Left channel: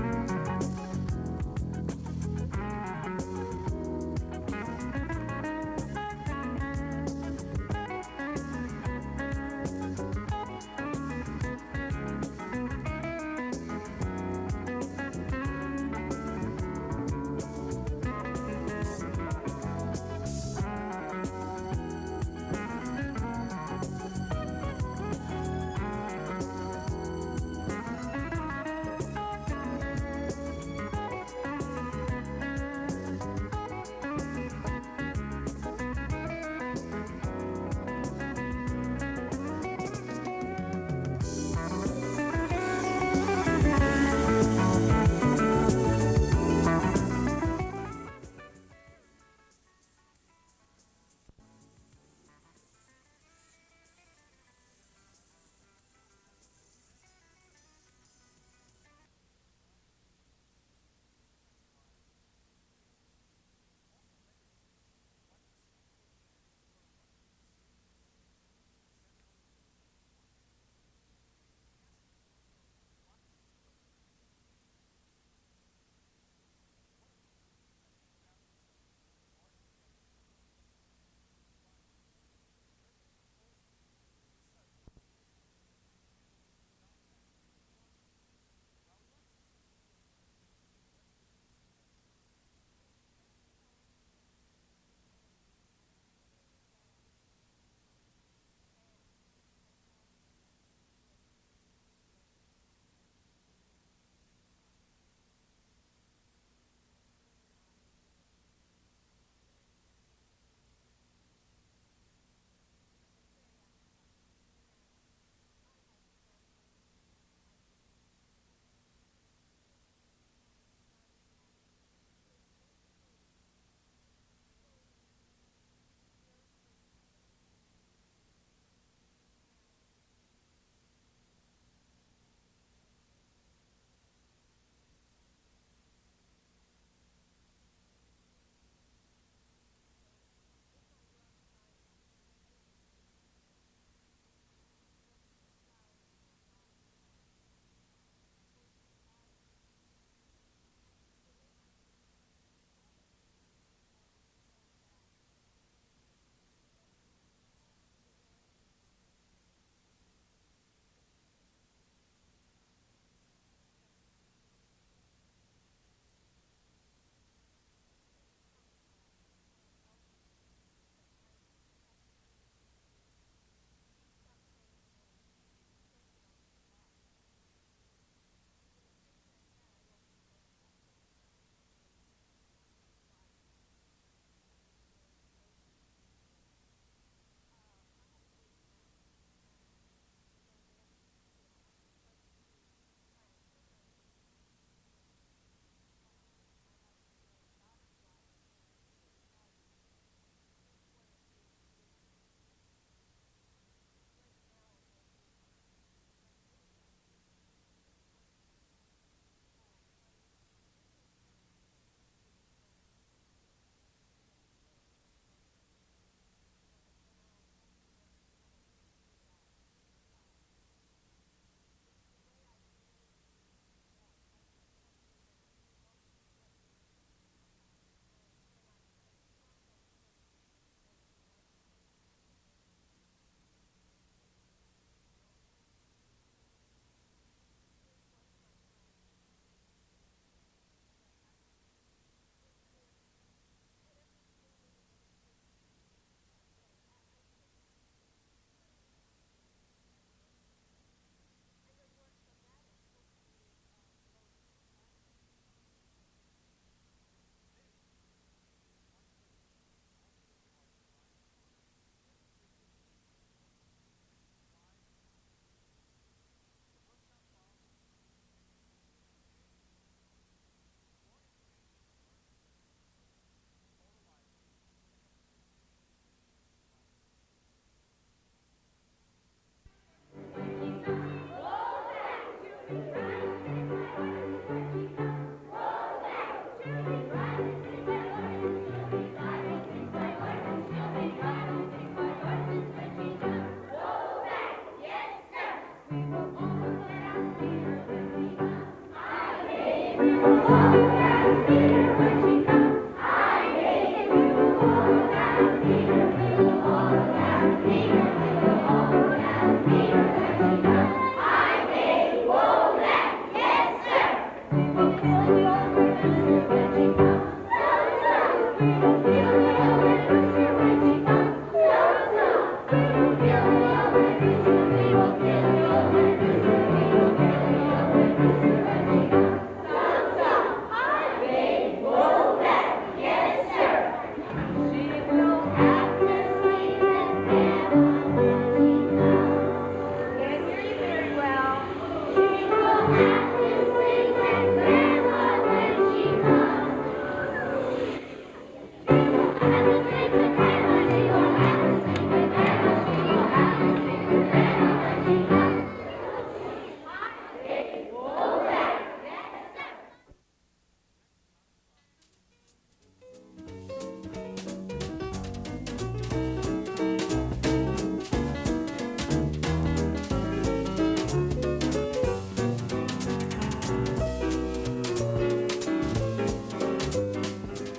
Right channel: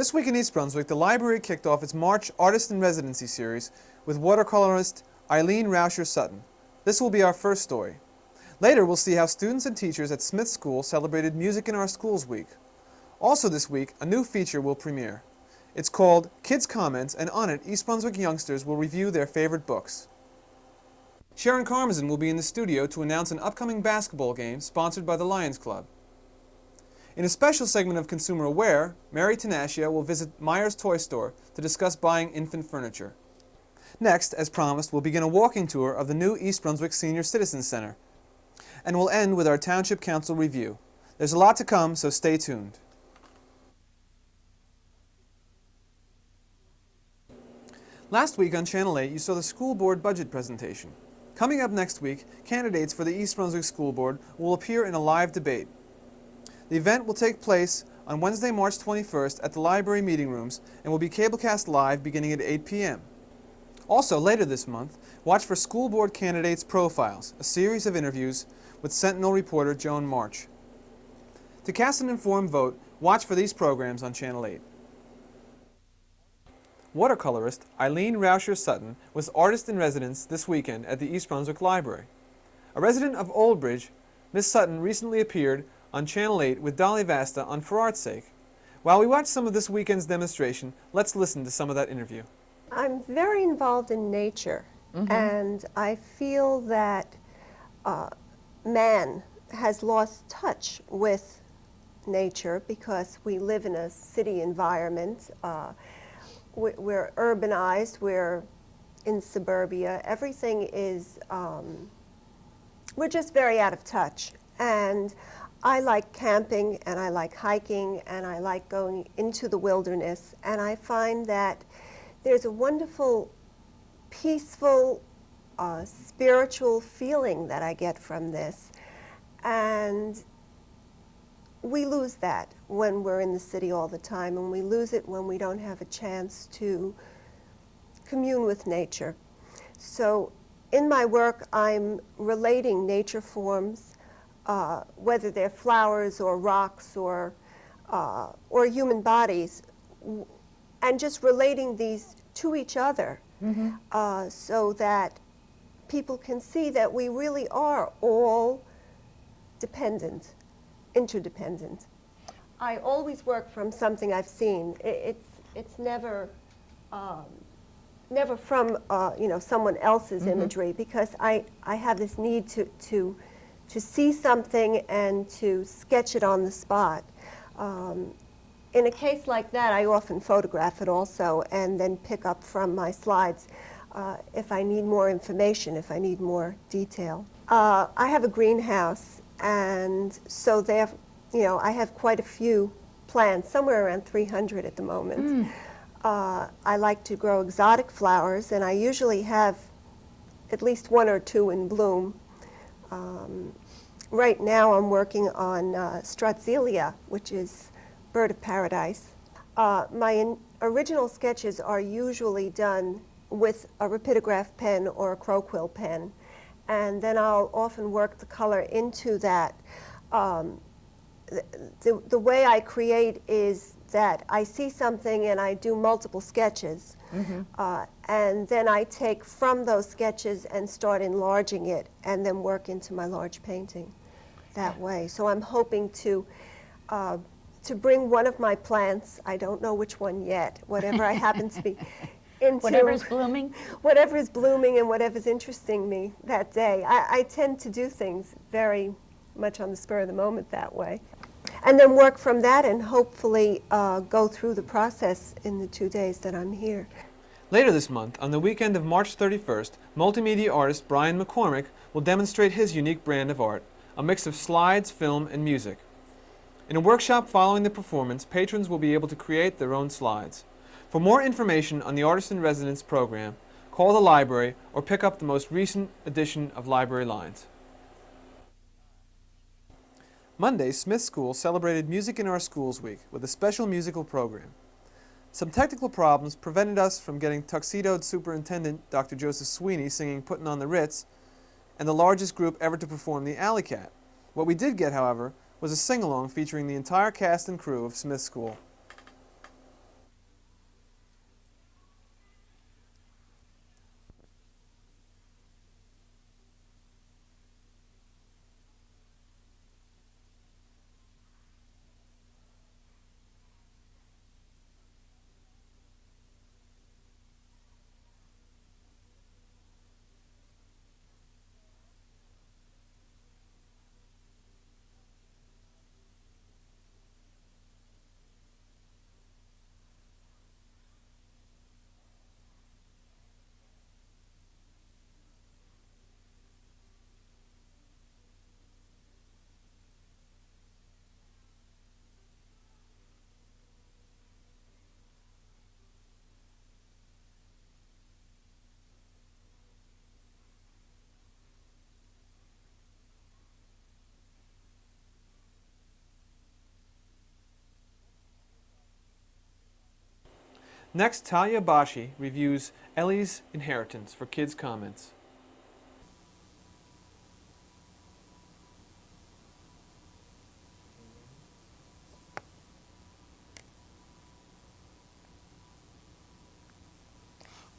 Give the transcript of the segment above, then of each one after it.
This week in East Brunswick, the library kicked off its March Artist in Residency series with watercolorist Eileen Rauscher Sutton. This will be our first story. Later, we'll see how students and teachers at Smith School celebrated Music in Our Schools Week. Also this week, a new feature will premiere. It's called Kids Comments, and on it, East Brunswick youngsters will review their favorite books. Sharon Karmazin will be in the studio to announce an upcoming basketball game sponsored by the Lions Club. In a special segment of Consumer Aware, Mary Tanashia will visit Meyer's Toy Store to discuss buying infant furniture. Next, as promised, we'll begin a walking tour of the new East Brunswick Senior Citizen Center. And we'll end with our Township Council review. There's a lot to come, so stay tuned. Last week on Channel 8, you saw the school board budget presentation. Coming up next week, candidates for the East Brunswick School Board will appear in a live debate. The event will take place on Wednesday, March 21st at the library meeting rooms and will be cablecast live beginning at 8 p.m. Also, later this month, watch for School Board Candidates Profiles, a series of interviews with Sentinel reporter Joan March. To cast an informed vote, watch for these programs on Channel 8. Watercolorist Eileen Rauscher Sutton was artist in residence this weekend at the East Brunswick Library. A resident of Old Bridge, Miss Sutton recently appeared on Channel 8 with Dolly Vasta on For Art's Sake. While we watch some of this weekend's demonstration, let's listen to some of that interview. I'm very involved in nature, and I feel that man has lost touch with nature because we live in a city environment. We're urbanized, we're in suburbia. Everything is, we're just very out of touch. And I like camping, and I like hiking, and I like going into the wilderness. And I find that there's a wonderful, peaceful, spiritual feeling that I get from this. And we lose that when we're in the city all the time, and we lose it when we don't have a chance to commune with nature. So in my work, I'm relating nature forms, whether they're flowers or rocks or human bodies, and just relating these to each other so that people can see that we really are all dependent, interdependent. I always work from something I've seen. It's never never from someone else's imagery, because I have this need to see something and to sketch it on the spot. In a case like that, I often photograph it also and then pick up from my slides if I need more information, if I need more detail. I have a greenhouse, and so I have quite a few plants, somewhere around 300 at the moment. I like to grow exotic flowers, and I usually have at least one or two in bloom. Right now I'm working on Strutzelia, which is bird of paradise. My original sketches are usually done with a rapidograph pen or a crow quill pen, and then I'll often work the color into that. The way I create is that I see something and I do multiple sketches, and then I take from those sketches and start enlarging it and then work into my large painting that way. So I'm hoping to bring one of my plants, I don't know which one yet, whatever I happen to be into. Whatever's blooming? Whatever is blooming and whatever's interesting me that day. I tend to do things very much on the spur of the moment that way. And then work from that and hopefully go through the process in the 2 days that I'm here. Later this month, on the weekend of March 31st, multimedia artist Brian McCormick will demonstrate his unique brand of art, a mix of slides, film, and music. In a workshop following the performance, patrons will be able to create their own slides. For more information on the Artist in Residence program, call the library or pick up the most recent edition of Library Lines. Monday, Smith School celebrated Music in Our Schools Week with a special musical program. Some technical problems prevented us from getting tuxedoed Superintendent Dr. Joseph Sweeney singing Puttin' on the Ritz and the largest group ever to perform the Alley Cat. What we did get, however, was a sing-along featuring the entire cast and crew of Smith School. Next, Talia Bashi reviews Ellie's Inheritance for Kids Comments.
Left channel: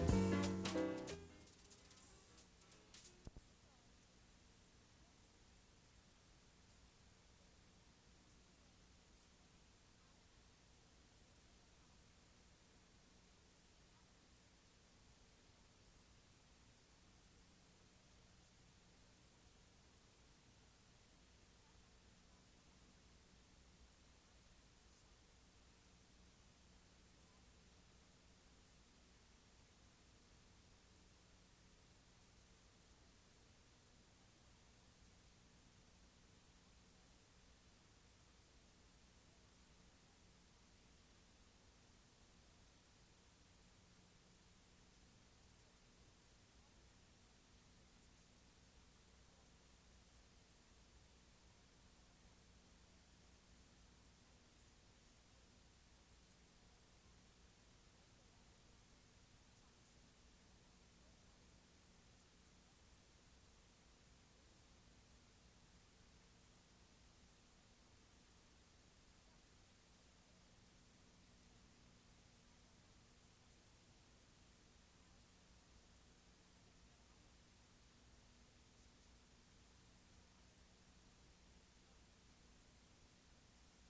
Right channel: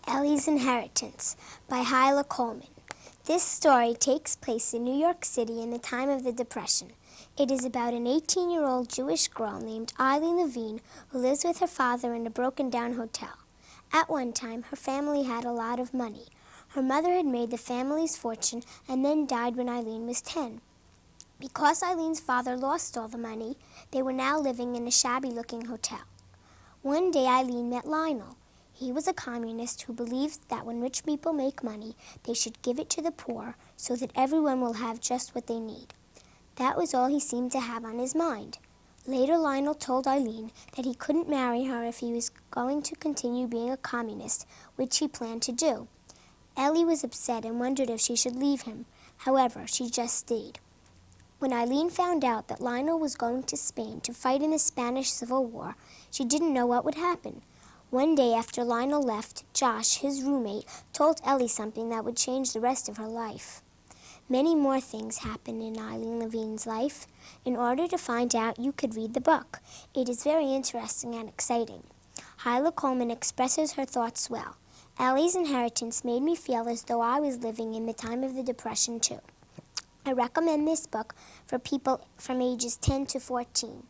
Ellie's Inheritance by Hyla Coleman. This story takes place in New York City in the time of the Depression. It is about an 18-year-old Jewish girl named Eileen Levine who lives with her father in a broken-down hotel. At one time, her family had a lot of money. Her mother had made the family's fortune and then died when Eileen was 10. Because Eileen's father lost all the money, they were now living in a shabby-looking hotel. One day, Eileen met Lionel. He was a communist who believed that when rich people make money, they should give it to the poor so that everyone will have just what they need. That was all he seemed to have on his mind. Later, Lionel told Eileen that he couldn't marry her if he was going to continue being a communist, which he planned to do. Ellie was upset and wondered if she should leave him. However, she just stayed. When Eileen found out that Lionel was going to Spain to fight in the Spanish Civil War, she didn't know what would happen. One day after Lionel left, Josh, his roommate, told Ellie something that would change the rest of her life. Many more things happened in Eileen Levine's life. In order to find out, you could read the book. It is very interesting and exciting. Hyla Coleman expresses her thoughts well. Ellie's Inheritance made me feel as though I was living in the time of the Depression, too. I recommend this book for people from ages 10 to 14.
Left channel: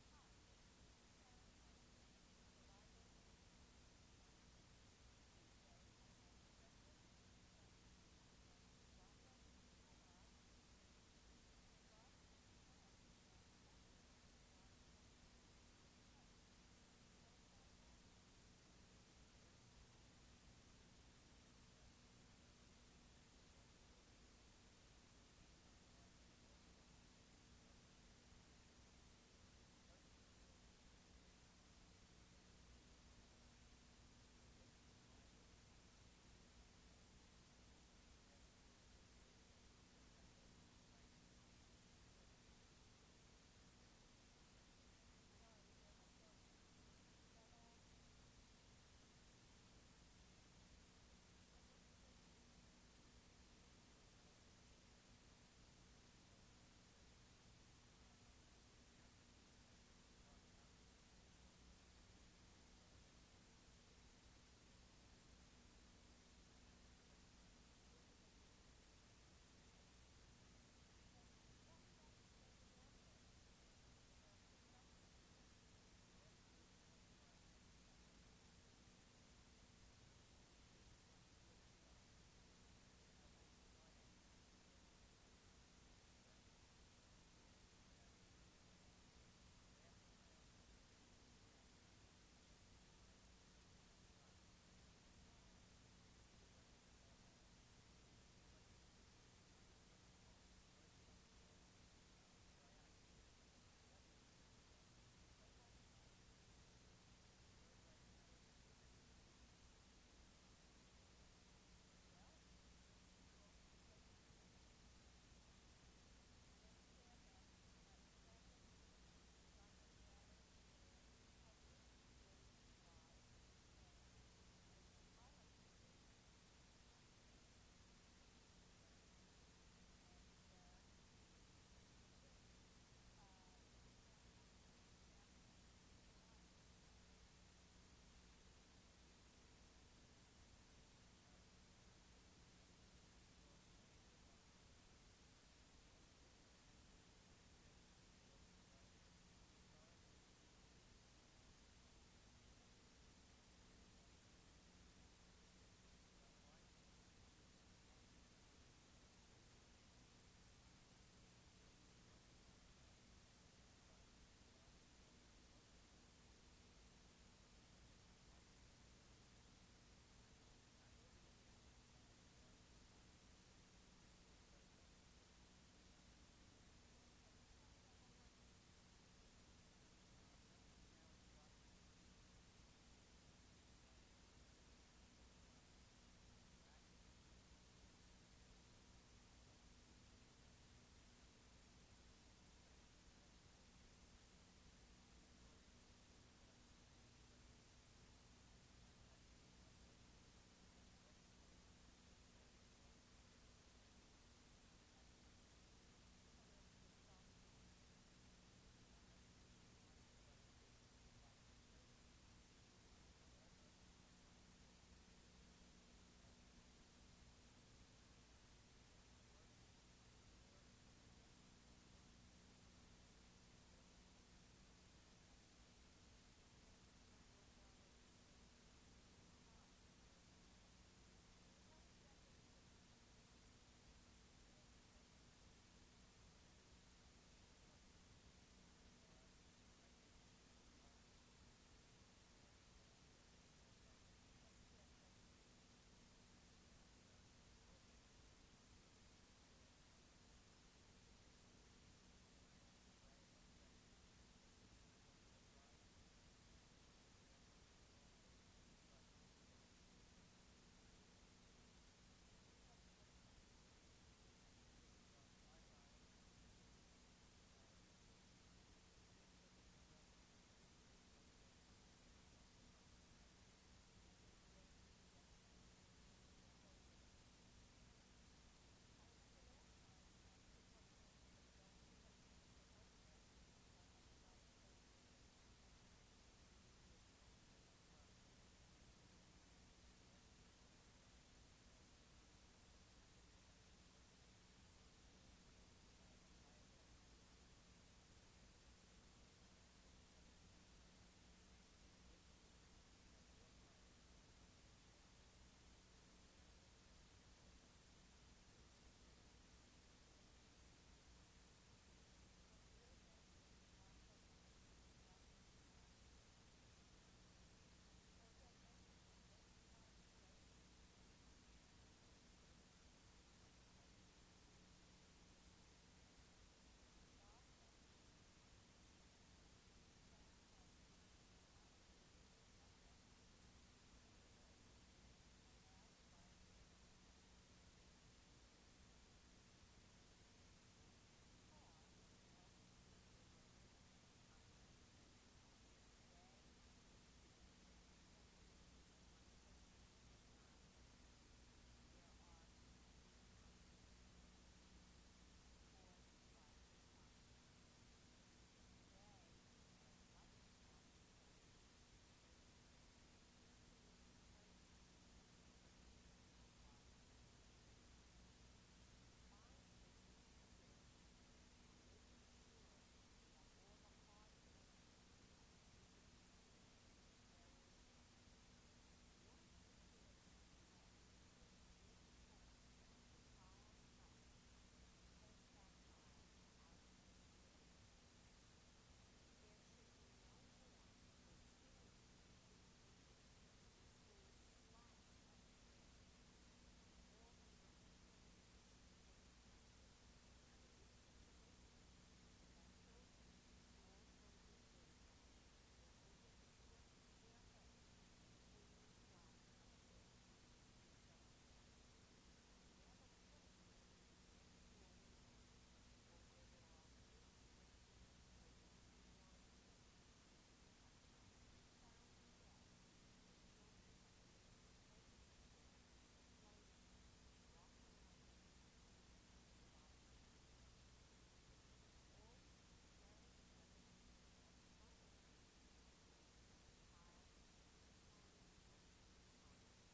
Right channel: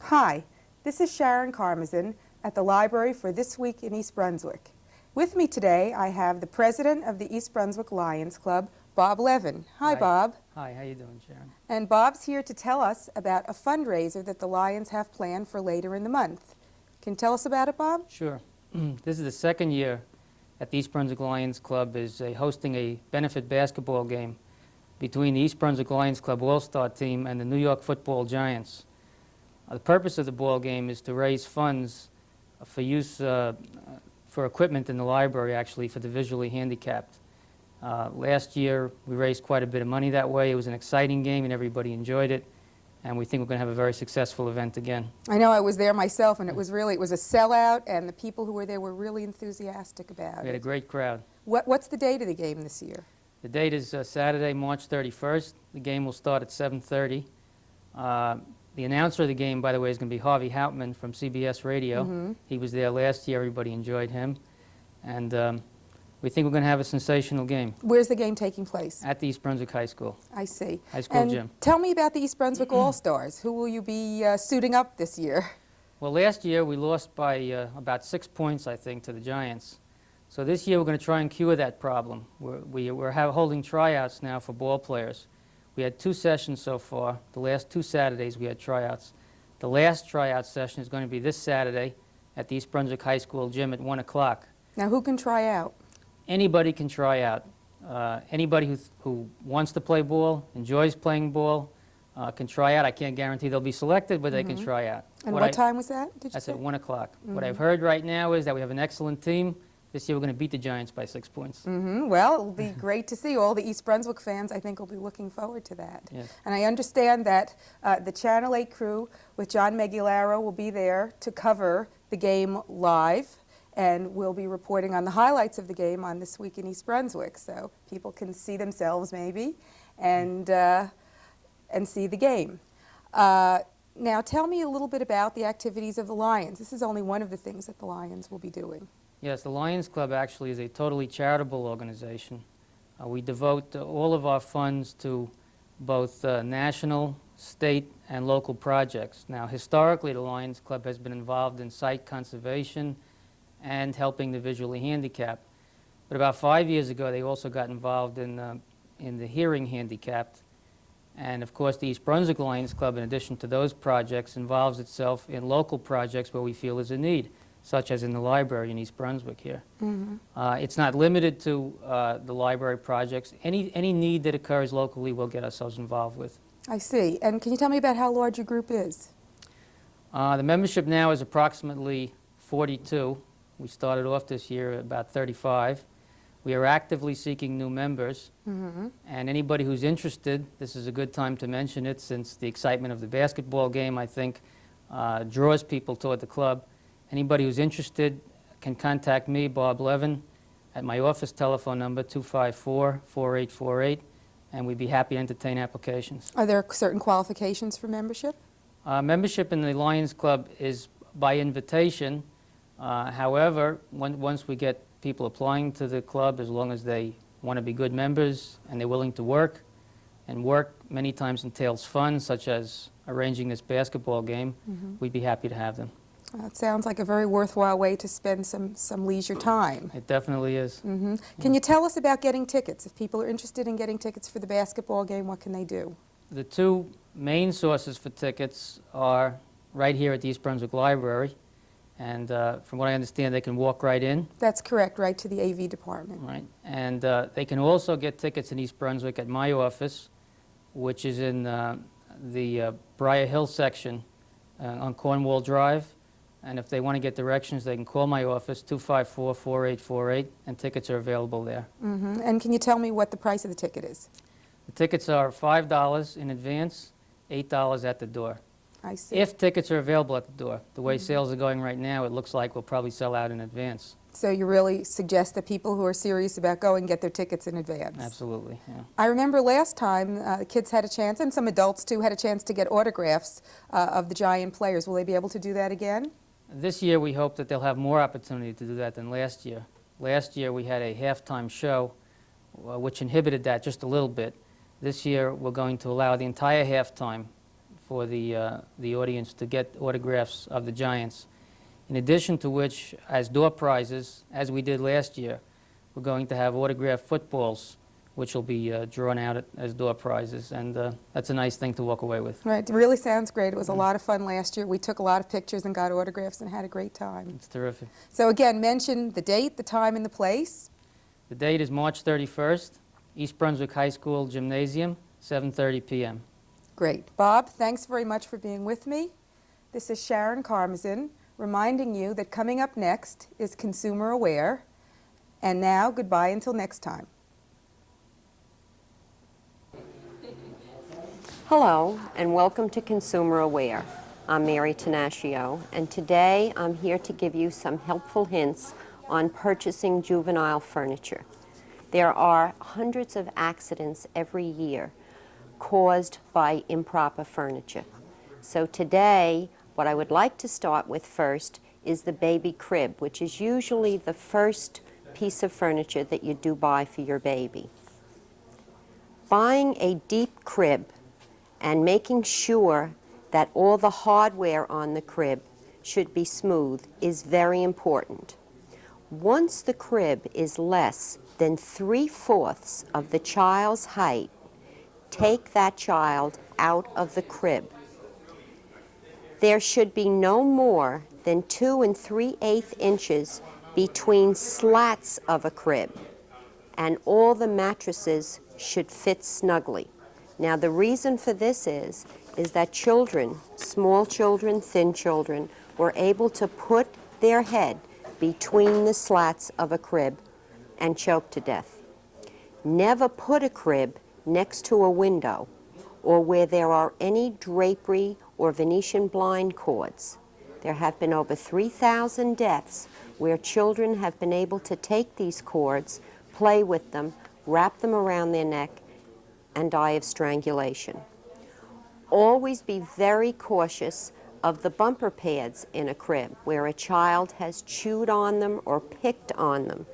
Hi, this is Sharon W at the Library for This Week in East Brunswick. With me today, I have the president of the East Brunswick Lions Club, Bob Levin. Hi, Bob. Hi, how you doing, Sharon? And Bob's here to tell us about a fundraiser that the Lions have planned for later in the month. Can you tell us about it, Bob? Sure. This is the second year that the East Brunswick Lions Club is hosting a benefit basketball game between the East Brunswick Lions Club All-Star team and the New York Football Giants. The purpose of the ball game is to raise funds for use for equipment in the library, actually, for the visually handicapped. Last year, we raised quite a bit of money that way. It was an exciting game, and everybody enjoyed it. And we think we're going to have a very successful event again. I know, I was there myself, and it was a sellout, and the people who were there were really enthusiastic about it. We had a great crowd. What's the date of the game this year? The date is Saturday, March 31st. The game will start at 7:30. The announcer of the game, by the way, is going to be Harvey Houtman from CBS Radio. Mm-hmm. He was there last year. Everybody enjoyed him. And we think we're going to have a sensational game. Where's the game taking place? At the East Brunswick High School. I see. High school and gym. Tell me about the East Brunswick All-Stars. Who will you be suiting up this year? Well, last year we lost by about 6 points, I think, to the Giants. So this year we're going to try and cure that problem. We're holding tryouts now for ball players. We had 2 sessions so far. The last 2 Saturdays we had tryouts. The last tryout session is going to be this Saturday at the East Brunswick High School gym at 1 o'clock. Now, who can try out? Anybody can try out. Anybody who wants to play ball, enjoys playing ball, can try out. I can't guarantee they'll be selected, but they can try out. And what time was that, did you That's say? at 1 o'clock. What I've heard right now is that we have an excellent team. This year we're going to beat the Giants by 6 points. Well, it'll be great to see. All the East Brunswick fans, I think, will be looking forward to that. Yes. And I understand that the Channel 8 crew with John Megularo will be there to cover the game live, and we'll be reporting on the highlights of the game on This Week in East Brunswick, so people can see themselves maybe and see the game. Now tell me a little bit about the activities of the Lions. This is only one of the things that the Lions will be doing. Yes, the Lions Club actually is a totally charitable organization. We devote all of our funds to both national, state, and local projects. Now, historically, the Lions Club has been involved in site conservation and helping the visually handicapped. But about 5 years ago, they also got involved in the hearing handicapped. And of course, the East Brunswick Lions Club, in addition to those projects, involves itself in local projects where we feel is a need, such as in the library in East Brunswick here. It's not limited to the library projects. Any need that occurs locally, we'll get ourselves involved with. I see. And can you tell me about how large your group is? The membership now is approximately 42. We started off this year at about 35. We are actively seeking new members, and anybody who's interested, this is a good time to mention it since the excitement of the basketball game, I think, draws people toward the club. Anybody who's interested can contact me, Bob Levin, at my office telephone number, 254-4848, and we'd be happy to entertain applications. Are there certain qualifications for membership? Membership in the Lions Club is by invitation. However, once we get people applying to the club, as long as they want to be good members and they're willing to work, and work many times entails fun, such as arranging this basketball game, we'd be happy to have them. It sounds like a very worthwhile way to spend some leisure time. It definitely is. Can you tell us about getting tickets? If people are interested in getting tickets for the basketball game, what can they do? The two main sources for tickets are right here at the East Brunswick Library, and from what I understand, they can walk right in. That's correct, right to the AV department. Right, and they can also get tickets in East Brunswick at my office, which is in the Briar Hill section on Cornwall Drive. And if they want to get directions, they can call my office, 254-4848, and tickets are available there. And can you tell me what the price of the ticket is? The tickets are $5 in advance, $8 at the door. I see. If tickets are available at the door. The way sales are going right now, it looks like we'll probably sell out in advance. So you really suggest that people who are serious about going get their tickets in advance? Absolutely, yeah. I remember last time the kids had a chance, and some adults too, had a chance to get autographs of the Giant players. Will they be able to do that again? This year we hope that they'll have more opportunity to do that than last year. Last year we had a halftime show which inhibited that just a little bit. This year we're going to allow the entire halftime for the audience to get autographs of the Giants. In addition to which, as door prizes, as we did last year, we're going to have autographed footballs which will be drawn out as door prizes, and that's a nice thing to walk away with. Right, it really sounds great. It was a lot of fun last year. We took a lot of pictures and got autographs and had a great time. It's terrific. So again, mention the date, the time, and the place. The date is March 31st, East Brunswick High School Gymnasium, 7:30 p.m. Great. Bob, thanks very much for being with me. This is Sharon Karmazin reminding you that coming up next is Consumer Aware. And now, goodbye until next time. Hello, and welcome to Consumer Aware. I'm Mary Tenaccio, and today I'm here to give you some helpful hints on purchasing juvenile furniture. There are hundreds of accidents every year caused by improper furniture. So today, what I would like to start with first is the baby crib, which is usually the first piece of furniture that you do buy for your baby. Buying a deep crib and making sure that all the hardware on the crib should be smooth is very important. Once the crib is less than 3/4 of the child's height, take that child out of the crib. There should be no more than 2 3/8 inches between slats of a crib, and all the mattresses should fit snugly. Now, the reason for this is that children, small children, thin children, were able to put their head between the slats of a crib and choke to death. Never put a crib next to a window or where there are any drapery or Venetian blind cords. There have been over 3,000 deaths where children have been able to take these cords, play with them, wrap them around their neck, and die of strangulation. Always be very cautious of the bumper pads in a crib where a child has chewed on them or picked on them.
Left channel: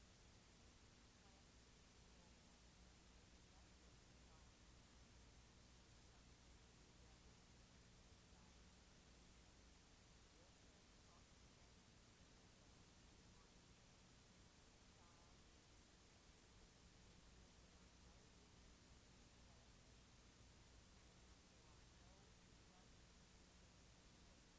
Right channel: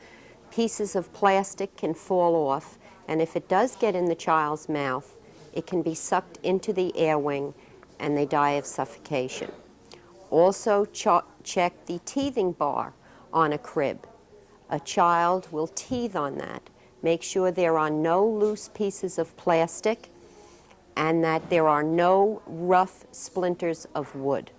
Pieces of plastic can fall off, and if it does get in the child's mouth, it can be sucked into the air wing and they die of suffocation. Also check the teething bar on a crib. A child will teethe on that. Make sure there are no loose pieces of plastic and that there are no rough splinters of wood.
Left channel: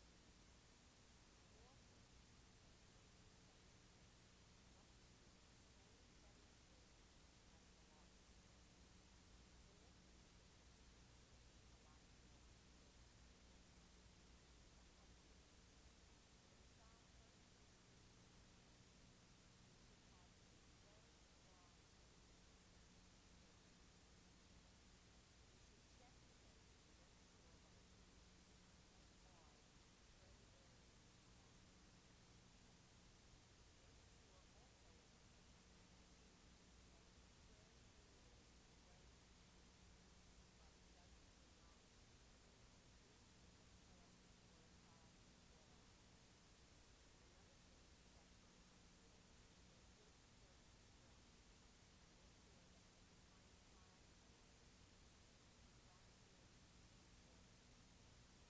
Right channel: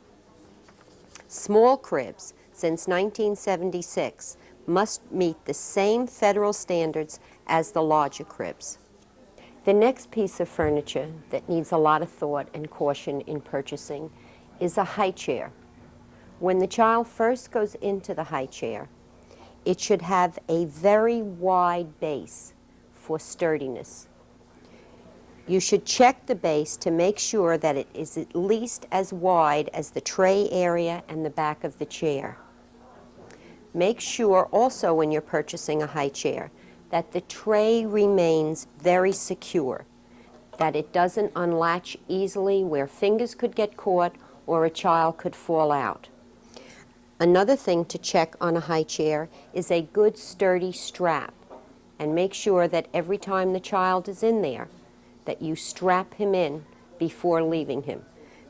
Small cribs, since 1976, must meet the same federal standards as the larger cribs. The next piece of furniture that needs a lot of thought and caution in purchasing is a high chair. When the child first goes into the high chair, it should have a very wide base for sturdiness. You should check the base to make sure that it is at least as wide as the tray area and the back of the chair. Make sure also when you're purchasing a high chair that the tray remains very secure, that it doesn't unlatch easily where fingers could get caught or a child could fall out. Another thing to check on a high chair is a good sturdy strap, and make sure that every time the child is in there that you strap him in before leaving him.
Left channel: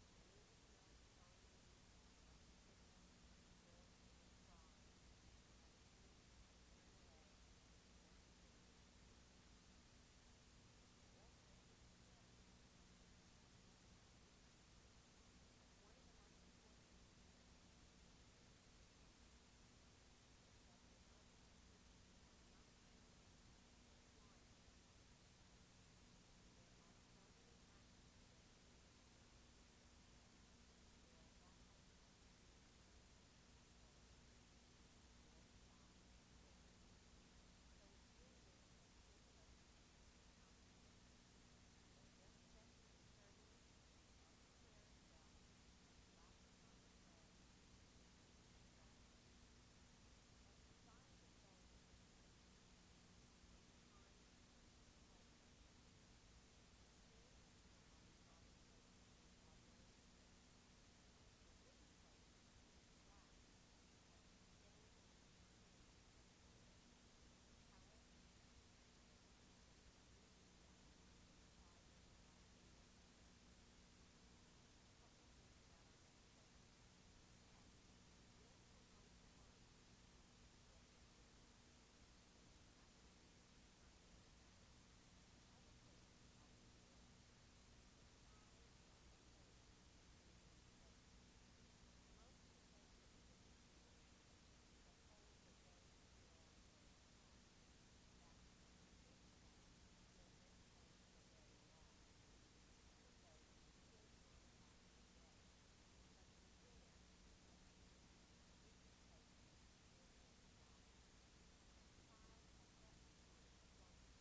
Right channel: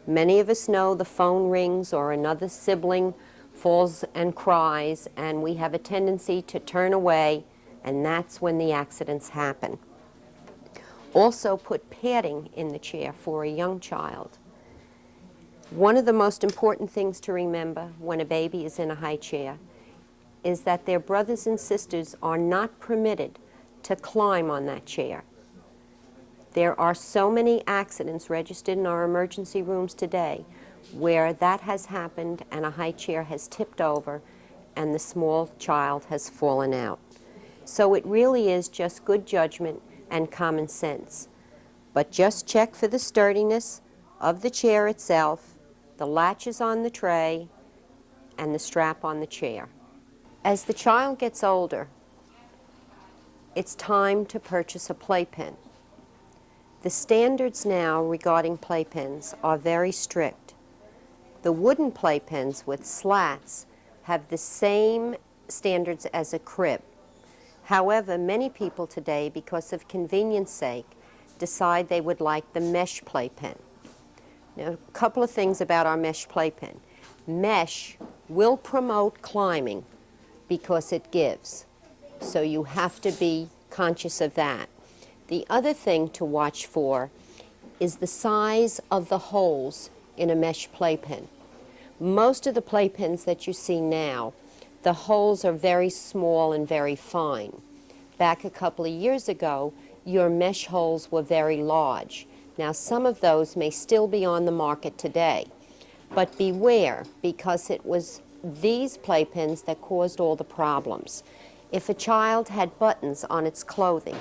Many of us know the phone rings or another sibling falls and cries, and we have a tendency to turn away, and that's when the accidents happen. Also put padding in the chair for a young child. One of the most important things to remember when a baby is in a high chair is that their brothers and sisters are not permitted to climb on that chair. There are so many accidents registered in our emergency rooms today where that has happened and a high chair has tipped over and the small child has fallen out. So it really is just good judgment and common sense. But just check for the sturdiness of the chair itself, the latches on the tray, and the strap on the chair. As the child gets older, it's time to purchase a playpen. The standards now regarding playpens are very strict. The wooden playpens with slats have the same standards as a crib. However, many people today, because of convenience sake, decide they would like the mesh playpen. Now, a couple of things about our mesh playpen. Mesh will promote climbing because it gives, so you have to be conscious of that. The other thing to watch for is the size of the holes in a mesh playpen. Most of the playpens that you see now, the holes are very small and very fine. Back a couple of years ago, your mesh holes were very large. Now, some of those may still be on the market today, but beware, because it was these playpens that caused all the problems. If a child had buttons on its clothing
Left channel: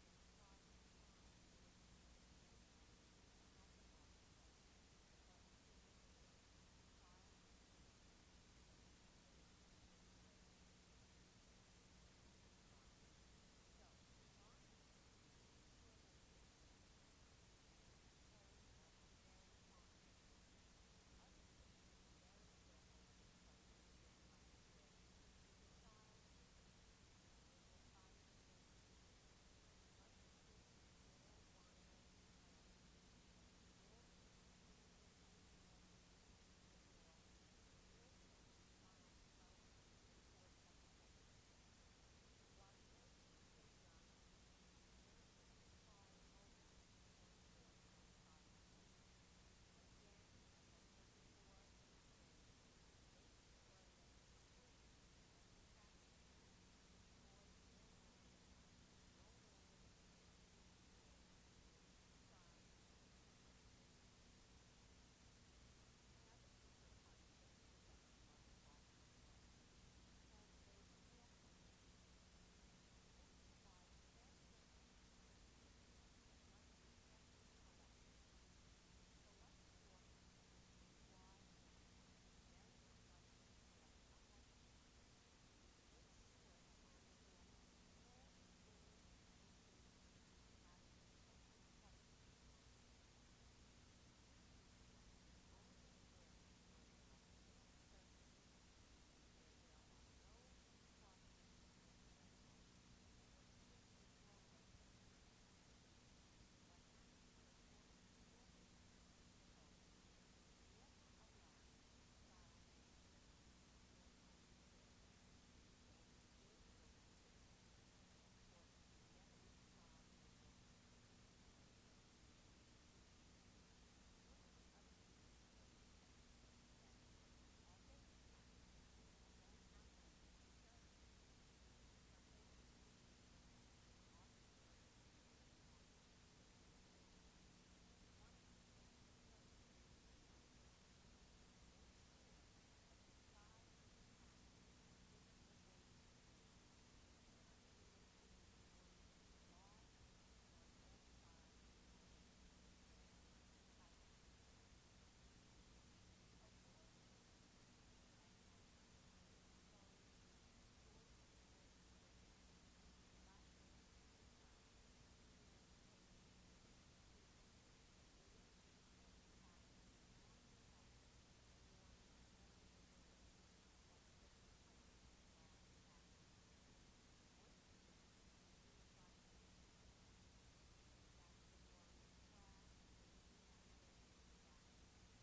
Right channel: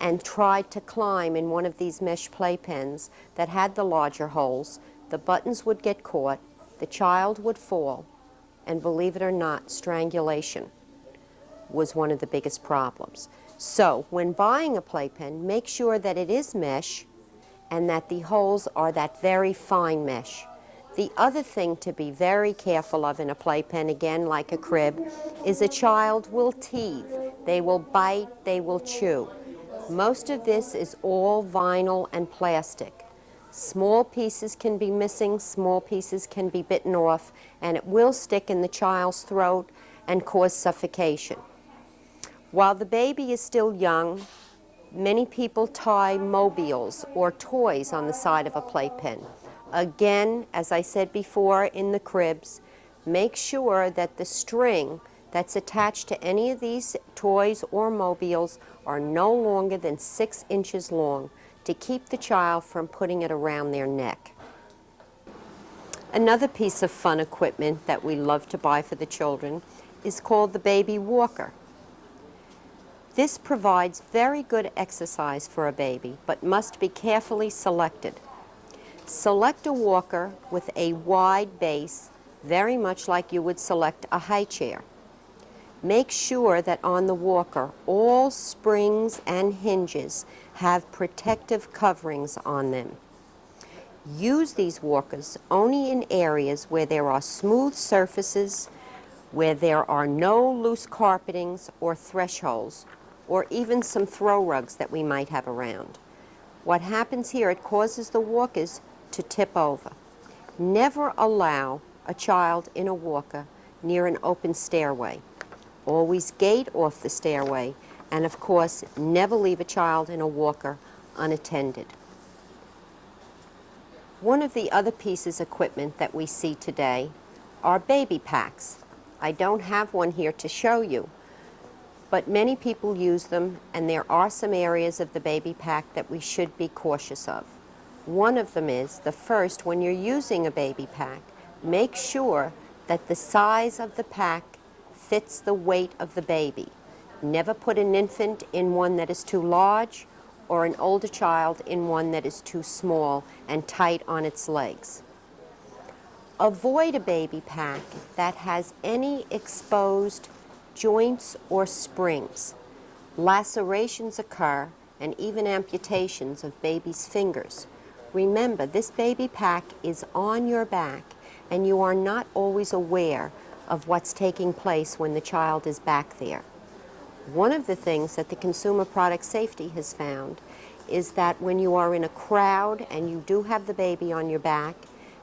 and tried to climb in one of these mesh playpens that had the larger holes, the buttons would get caught, the child would fall, and believe it or not, strangulation was one of the biggest problems. So when buying a playpen, make sure that it is mesh and that the holes are that very fine mesh. The other thing to be very careful of in a playpen, again like a crib, is a child will teethe. They will bite, they will chew. Most of this is all vinyl and plastic. Small pieces can be missing, small pieces can be bitten off, and it will stick in the child's throat and cause suffocation. While the baby is still young, many people tie mobiles or toys on the side of a playpen. Again, as I said before in the cribs, make sure that the string that's attached to any of these toys or mobiles are no longer than 6 inches long to keep the child from putting it around their neck. Another piece of fun equipment that we love to buy for the children is called the baby walker. This provides very good exercise for a baby, but must be carefully selected. Select a walker with a wide base, very much like you would select a high chair. Make sure that on the walker, all springs and hinges have protective coverings on them. Use these walkers only in areas where there are smooth surfaces, where there are no loose carpetings or thresholds, or even some throw rugs that we might have around. What happens here, it causes the walkers to tip over. Never allow a child in a walker near an open stairway. Always gate off the stairway, and of course, never leave a child in a walker unattended. One of the other pieces of equipment that we see today are baby packs. I don't have one here to show you, but many people use them, and there are some areas of the baby pack that we should be cautious of. One of them is, the first, when you're using a baby pack, make sure that the size of the pack fits the weight of the baby. Never put an infant in one that is too large or an older child in one that is too small and tight on its legs. Avoid a baby pack that has any exposed joints or springs. Lacerations occur and even amputations of baby's fingers. Remember, this baby pack is on your back and you are not always aware of what's taking place when the child is back there. One of the things that the Consumer Product Safety has found is that when you are in a crowd and you do have the baby on your back,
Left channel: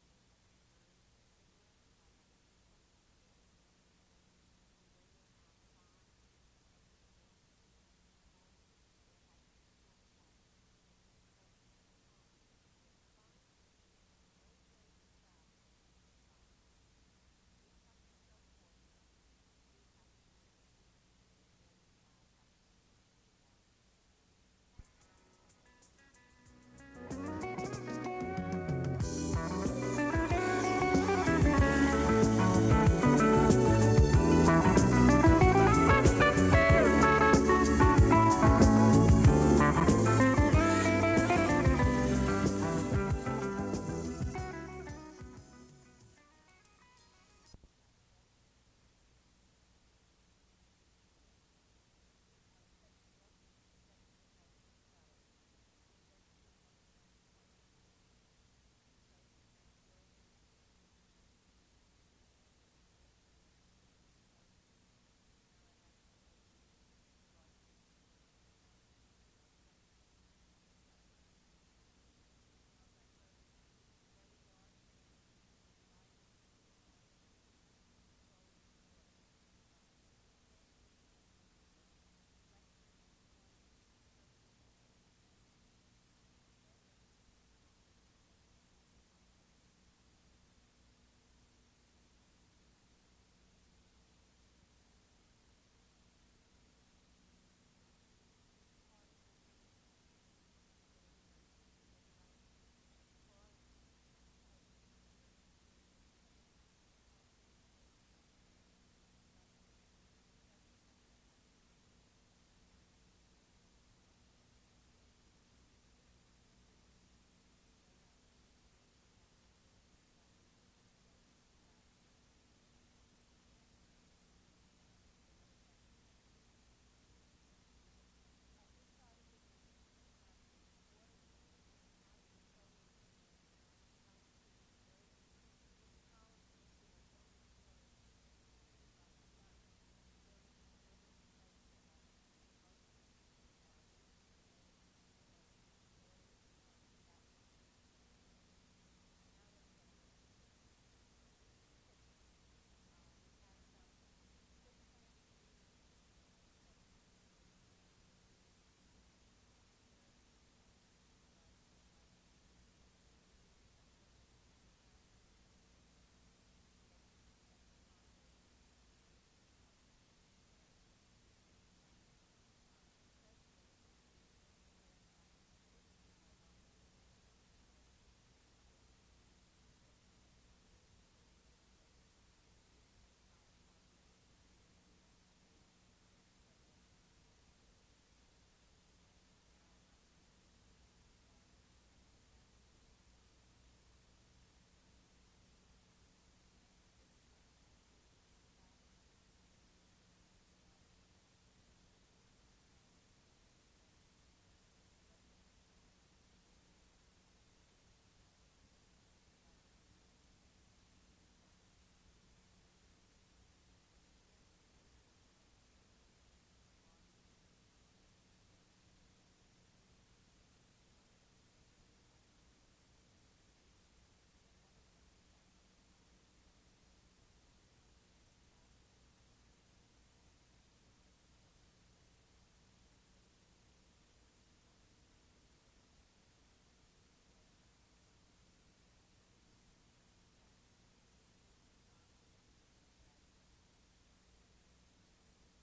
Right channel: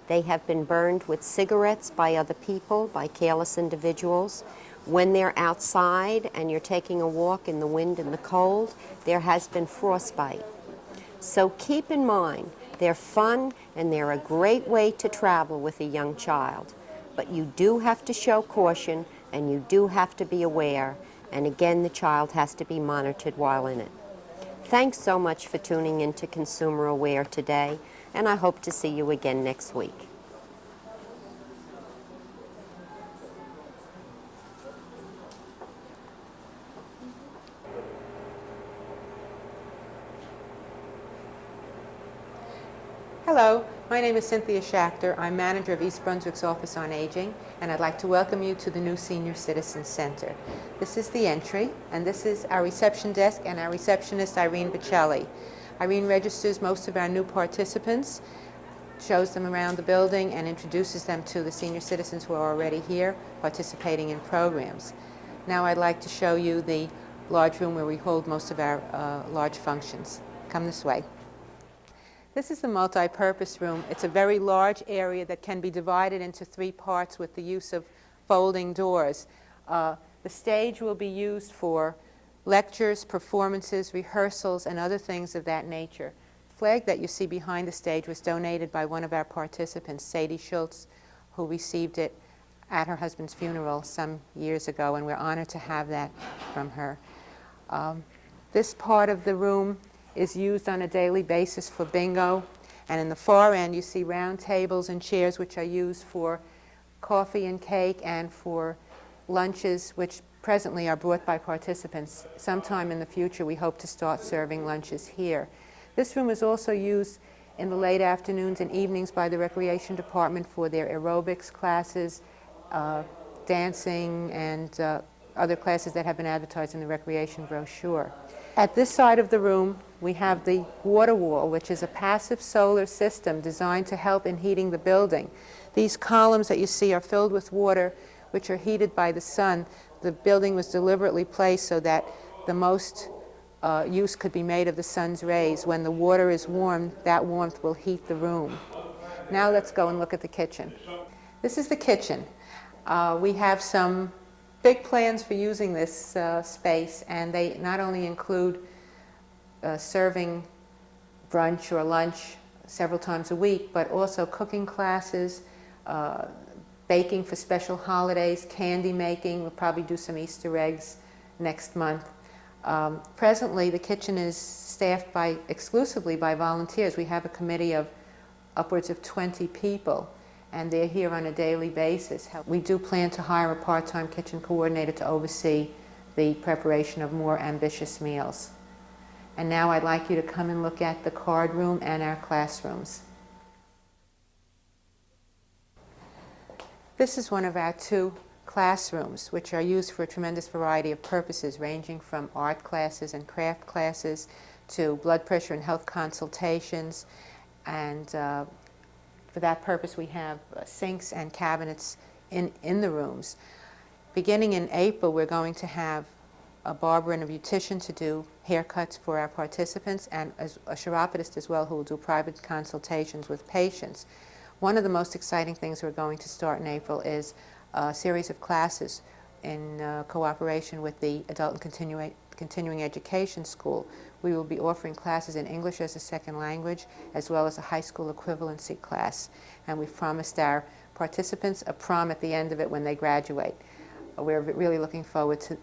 they have been burned with cigarettes by other people, by careless individuals. When they're outside and you're taking a walk in the wind and the cold, there has been frostbite. So keep in mind, they're fun and they're a great way to travel with a young child. But you do have to show caution and you do have to be aware. And again, the child has to be monitored while in it. Thanks so much for tuning in to Consumer Aware today, and I hope to see you again next week. Hello, my name is Cynthia Schachter. I'm manager of East Brunswick's Office on Aging, and I'd like to welcome you to the new Senior Citizen Center. This is the entry, and this is our reception desk and our receptionist, Irene Bocelli. Irene registers most of our new participants, shows them around the building, and introduces them to the senior citizens who are already here participating in programs. Now I'd like to show you the large room where we hold most of our large functions. Come this way. This is the multi-purpose room. It's a very large area that can be divided into 3 parts with the use of folding doors. The stage will be used for lectures, performances, rehearsals, and other things of that nature. The flag that you see behind the stage was donated by one of our participants, Sadie Schultz, who received it at her husband's funeral some years ago, and we're honored to have that from her. This part of the room is used on a daily basis for bingo, and in the far end you see round tables and chairs which are used for coffee and cake and for lunches, which presently are brought by participants. Sometime in the future we hope to start serving lunches here. This room is also used in the late afternoons and evenings by the recreation department for their aerobics classes, dancing, and other classes that have been advertised in the recreation brochure. At this side of the room, we have the water wall, which is a passive solar system designed to help in heating the building. These columns that you see are filled with water, which are heated by the sun. The building was deliberately placed so that the most use could be made of the sun's rays. When the water is warm, that warmth will heat the room. Now let's go and look at the kitchen. This is the kitchen. We have some big plans for using this space, and they not only include serving brunch or lunch several times a week, but also cooking classes, baking for special holidays, candy making. We'll probably do some Easter eggs next month. Presently, the kitchen is staffed exclusively by volunteers. We have a committee of upwards of 20 people, and they're here on a daily basis. We do plan to hire a part-time kitchen coordinator to oversee the preparation of more ambitious meals. And now I'd like you to come and look at the card room and our classrooms. This is one of our 2 classrooms, which are used for a tremendous variety of purposes, ranging from art classes and craft classes to blood pressure and health consultations and for that purpose, we have sinks and cabinets in the rooms. Beginning in April, we're going to have a barber and a beautician to do haircuts for our participants, and a chiropodist as well, who will do private consultations with patients. One of the most exciting things we're going to start in April is a series of classes in cooperation with the Adult and Continuing Education School. We will be offering classes in English as a second language, as well as a high school equivalency class. And we've promised our participants a prom at the end of it when they graduate. We're really looking forward to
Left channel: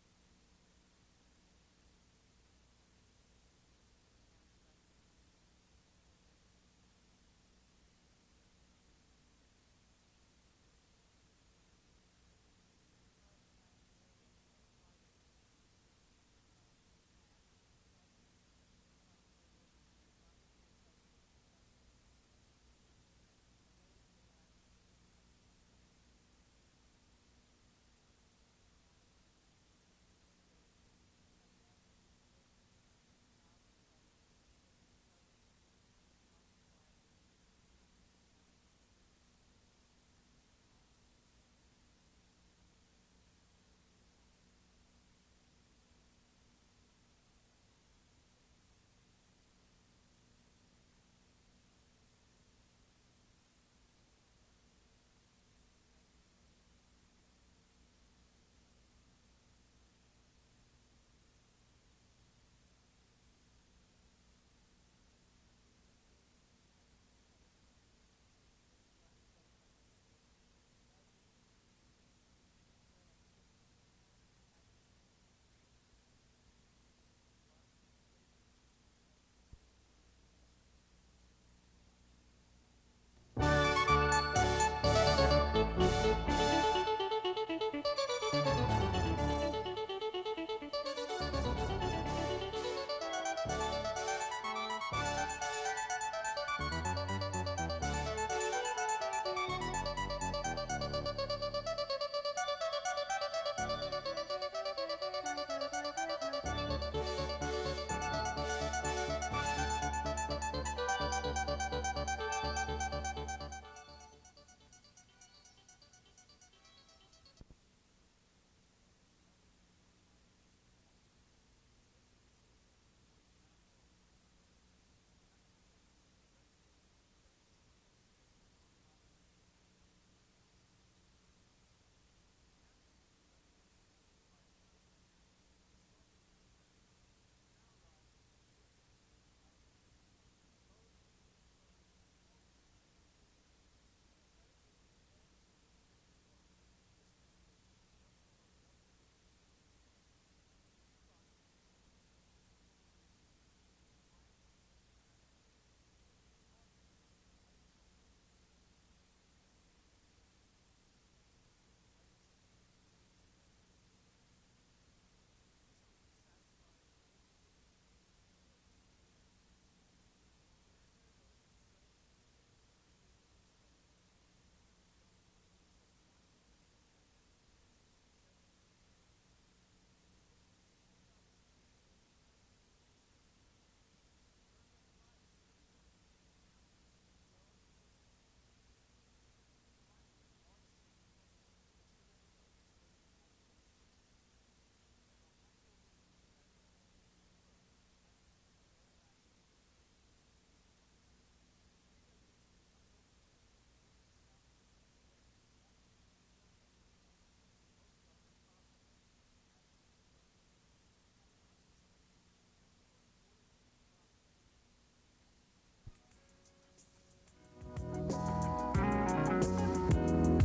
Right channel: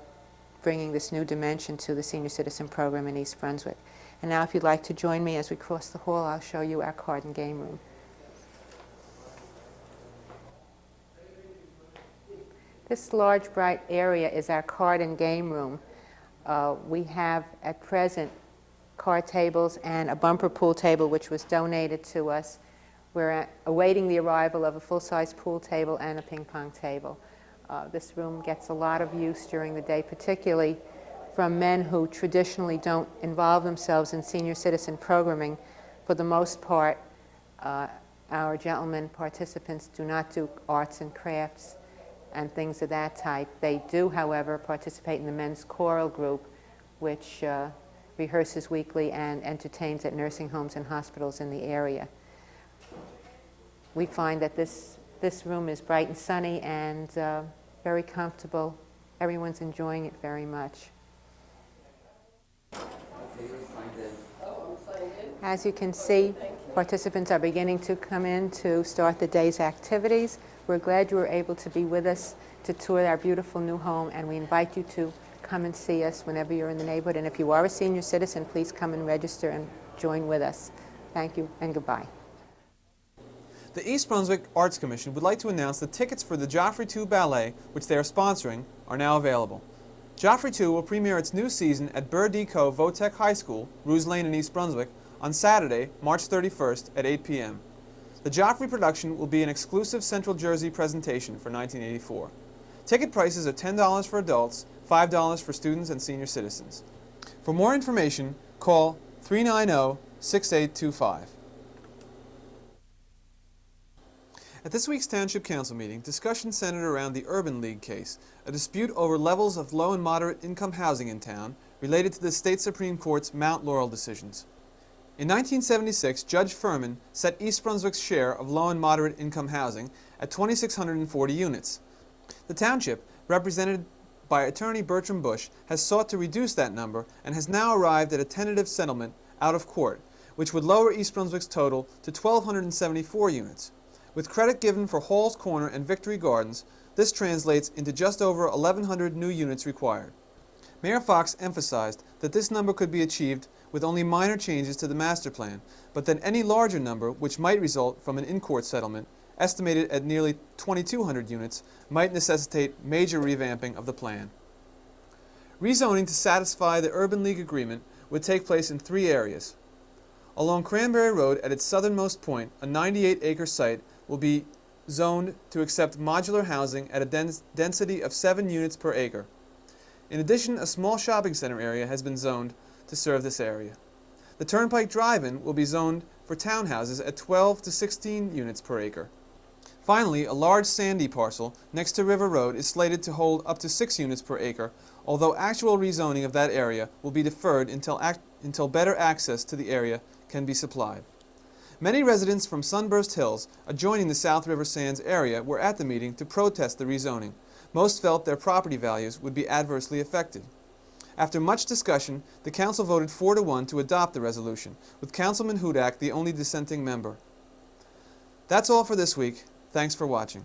bringing this new dimension to the Senior Citizen Program in East Brunswick. And now, if you'd like to join me as we cross the hall, I'll show you our card and game room. This large, bright area is our card and game room. We have, at present, card tables and a bumper pool table, which was donated to us. We're awaiting the arrival of a full-size pool table and a ping-pong table. This room gets a lot of use during the day, particularly from men who traditionally don't involve themselves in senior citizen programming. For the most part, our gentlemen participants do not do arts and crafts and things of that type. They do, however, participate in the men's choral group, which rehearses weekly and entertains at nursing homes and hospitals in the area. We find that this room is bright and sunny and very comfortable. Everyone's enjoying it very much. As you can see, participants are beginning to come in to start the day's activities. We're glad you were able to be with us to tour our beautiful new home, and we invite you to come and see us whenever you're in the neighborhood. And if you are a senior citizen, please come and register and join with us. Thank you and goodbye. The East Brunswick Arts Commission would like to announce that tickets for the Joffrey 2 Ballet, which they are sponsoring, are now available. Joffrey 2 will premiere its new season at Burr D. Co. Votech High School, Ruse Lane in East Brunswick, on Saturday, March 31st at 8 p.m. The Joffrey production will be an exclusive Central Jersey presentation for 1984. Ticket prices are $10 for adults, $5 for students and senior citizens. For more information, call 390-6825. At this week's Township Council meeting, discussion centered around the Urban League case, a dispute over levels of low and moderate income housing in town related to the State Supreme Court's Mount Laurel decisions. In 1976, Judge Furman set East Brunswick's share of low and moderate income housing at 2,640 units. The township, represented by attorney Bertram Bush, has sought to reduce that number and has now arrived at a tentative settlement out of court, which would lower East Brunswick's total to 1,274 units. With credit given for Hall's Corner and Victory Gardens, this translates into just over 1,100 new units required. Mayor Fox emphasized that this number could be achieved with only minor changes to the master plan, but that any larger number, which might result from an in-court settlement, estimated at nearly 2,200 units, might necessitate major revamping of the plan. Rezoning to satisfy the Urban League agreement would take place in 3 areas. Along Cranberry Road at its southernmost point, a 98-acre site will be zoned to accept modular housing at a density of 7 units per acre. In addition, a small shopping center area has been zoned to serve this area. The Turnpike Drive-In will be zoned for townhouses at 12 to 16 units per acre. Finally, a large sandy parcel next to River Road is slated to hold up to 6 units per acre, although actual rezoning of that area will be deferred until better access to the area can be supplied. Many residents from Sunburst Hills, adjoining the South River Sands area, were at the meeting to protest the rezoning. Most felt their property values would be adversely affected. After much discussion, the council voted 4-1 to adopt the resolution, with Councilman Hudak the only dissenting member. That's all for this week. Thanks for watching.